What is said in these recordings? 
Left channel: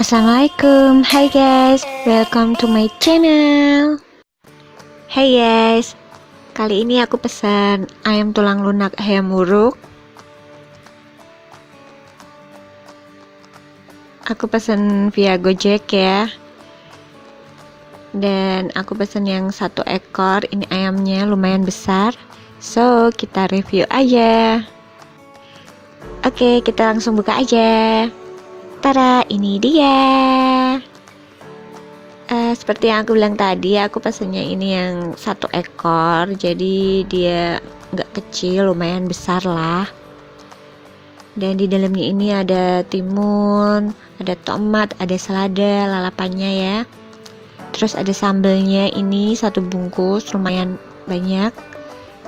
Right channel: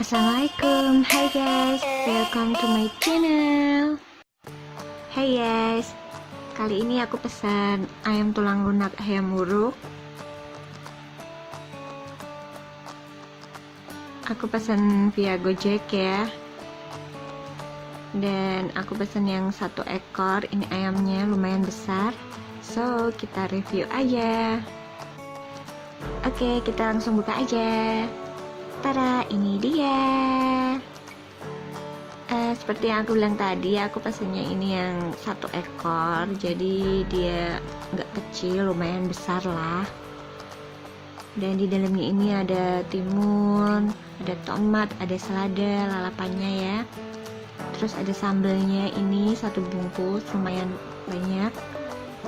Assalamualaikum, hai guys, welcome to my channel. Hey guys, kali ini aku pesan ayam tulang lunak ayam muruk. Aku pesan via Gojek ya. Dan aku pesan yang 1 ekor. Ini ayamnya lumayan besar. So, kita review aja. Oke, kita langsung buka aja. Tada, ini dia. Seperti yang aku bilang tadi, aku pesannya ini yang 1 ekor. Jadi dia nggak kecil, lumayan besar lah. Dan di dalamnya ini ada timun, ada tomat, ada selada, lalapannya ya. Terus ada sambelnya ini 1 bungkus, lumayan banyak.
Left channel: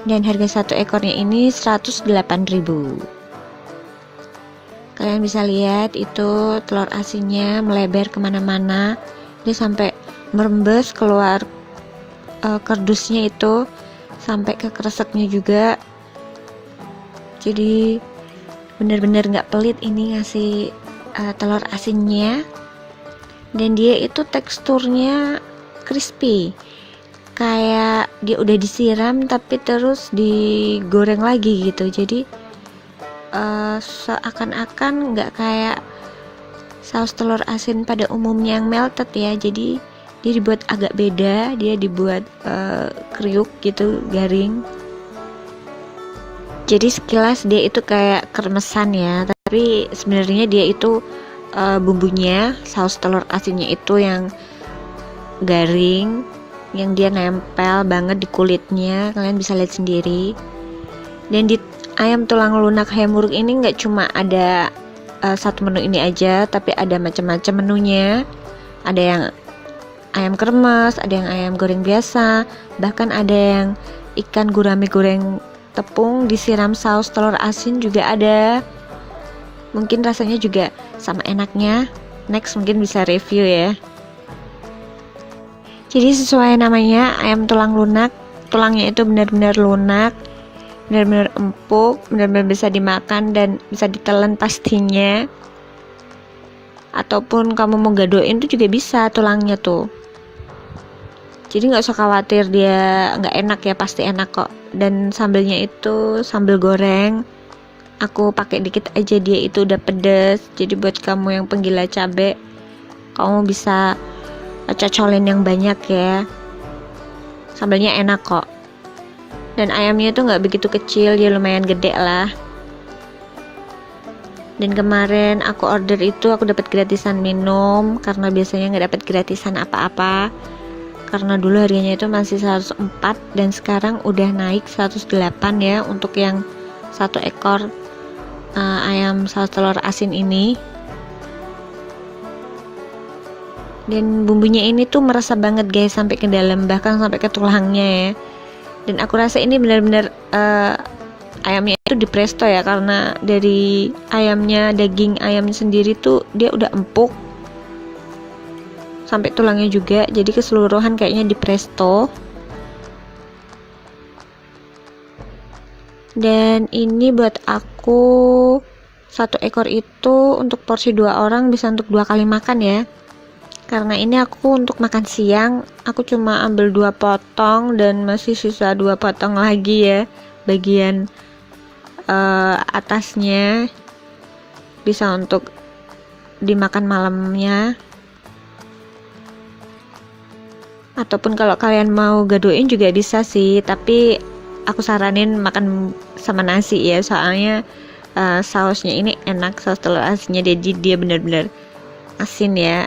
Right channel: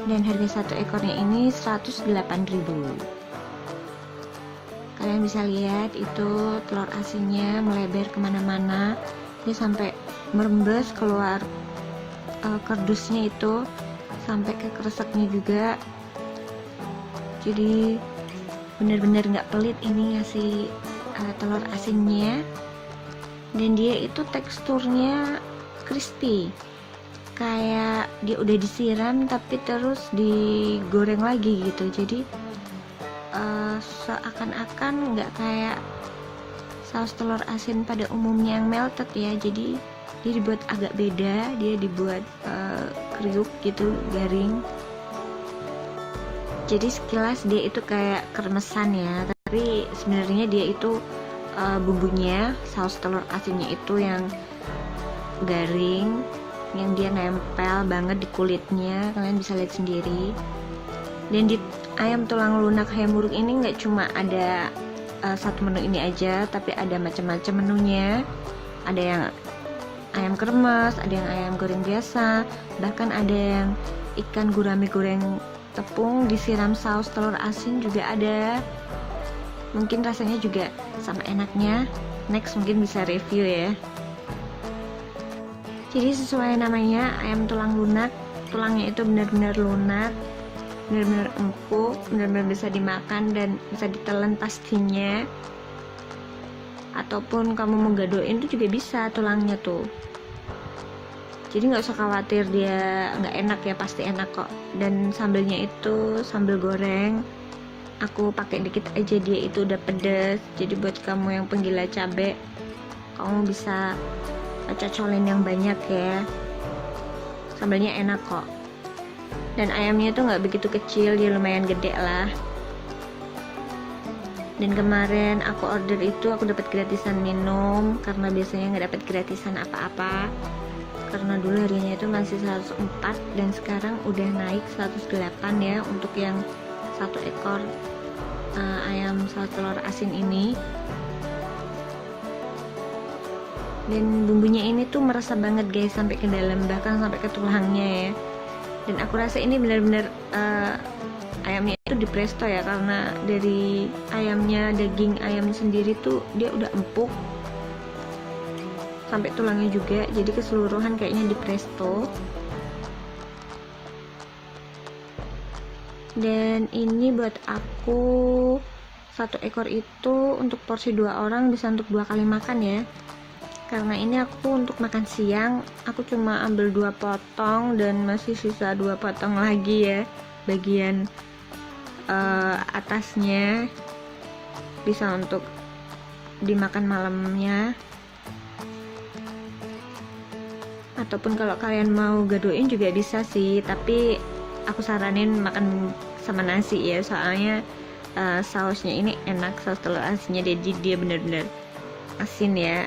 Dan harga 1 ekornya ini 108.000. Kalian bisa lihat itu telur asinnya melebar kemana-mana, dia sampai merembes keluar kardusnya itu sampai ke kreseknya juga. Jadi bener-bener nggak pelit ini ngasih telur asinnya. Dan dia itu teksturnya crispy, kayak dia udah disiram tapi terus digoreng lagi gitu. Jadi seakan-akan nggak kayak saus telur asin pada umumnya yang melted ya. Jadi dia dibuat agak beda, dia dibuat kriuk gitu, garing. Jadi sekilas dia itu kayak kremesan ya, tapi sebenarnya dia itu bumbunya, saus telur asinnya itu yang garing, yang dia nempel banget di kulitnya, kalian bisa lihat sendiri. Dan di ayam tulang lunak ayam muruk ini nggak cuma ada 1 menu ini aja, tapi ada macam-macam menunya. Ada yang ayam kremes, ada yang ayam goreng biasa, bahkan ada yang ikan gurame goreng tepung disiram saus telur asin juga ada. Mungkin rasanya juga sama enaknya. Next mungkin bisa review ya. Jadi sesuai namanya, ayam tulang lunak, tulangnya itu benar-benar lunak, benar-benar empuk, benar-benar bisa dimakan dan bisa ditelan pastinya. Ataupun kamu mau gadoin tuh juga bisa tulangnya tuh. Jadi nggak usah khawatir dia nggak enak ya, pasti enak kok. Dan sambelnya itu sambal goreng, aku pakai dikit aja, dia itu udah pedes. Jadi buat kamu yang penggila cabe, kamu bisa cocolin yang banyak ya. Sambelnya enak kok. Dan ayamnya itu nggak begitu kecil, dia lumayan gede lah. Dan kemarin aku order itu aku dapat gratisan minum, karena biasanya nggak dapat gratisan apa-apa. Karena dulu harganya itu masih 104 dan sekarang udah naik 108 ya untuk yang 1 ekor ayam saus telur asin ini. Dan bumbunya ini tuh meresap banget guys, sampai ke dalam, bahkan sampai ke tulangnya ya. Dan aku rasa ini benar-benar ayamnya itu di presto ya, karena dari ayamnya, daging ayamnya sendiri tuh dia udah empuk sampai tulangnya juga, jadi keseluruhan kayaknya di presto. Dan ini buat aku 1 ekor itu untuk porsi 2 orang bisa untuk 2 kali makan ya. Karena ini aku untuk makan siang, aku cuma ambil 2 potong dan masih sisa 2 potong lagi ya, bagian atasnya bisa untuk dimakan malamnya. Ataupun kalau kalian mau gadoin juga bisa sih, tapi aku saranin makan sama nasi ya, soalnya sausnya ini enak, saus telur asinnya, jadi dia benar-benar asin ya,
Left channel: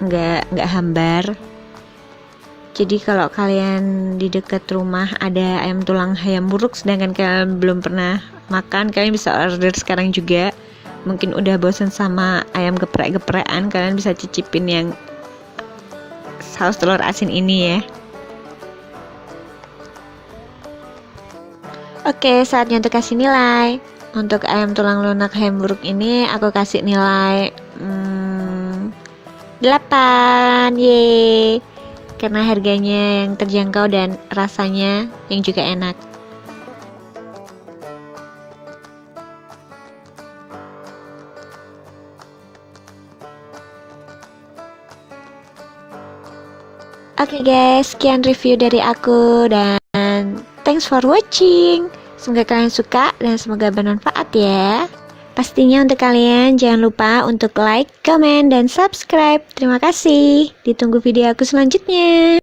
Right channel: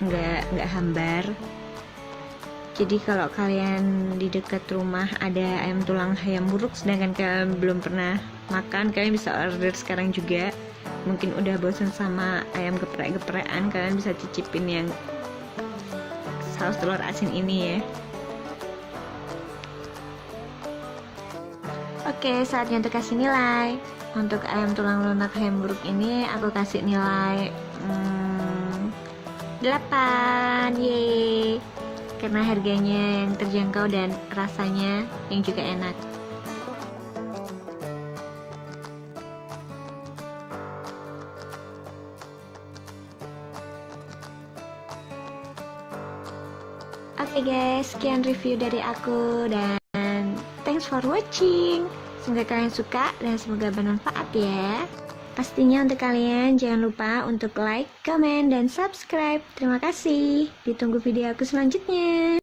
nggak hambar. Jadi kalau kalian di dekat rumah ada ayam tulang ayam muruk sedangkan kalian belum pernah makan, kalian bisa order sekarang juga. Mungkin udah bosan sama ayam geprek-geprekan, kalian bisa cicipin yang saus telur asin ini ya. Oke, saatnya untuk kasih nilai. Untuk ayam tulang lunak ayam muruk ini aku kasih nilai 8, yeay, karena harganya yang terjangkau dan rasanya yang juga enak. Oke guys, sekian review dari aku dan thanks for watching. Semoga kalian suka dan semoga bermanfaat ya. Pastinya untuk kalian jangan lupa untuk like, comment, dan subscribe. Terima kasih. Ditunggu video aku selanjutnya.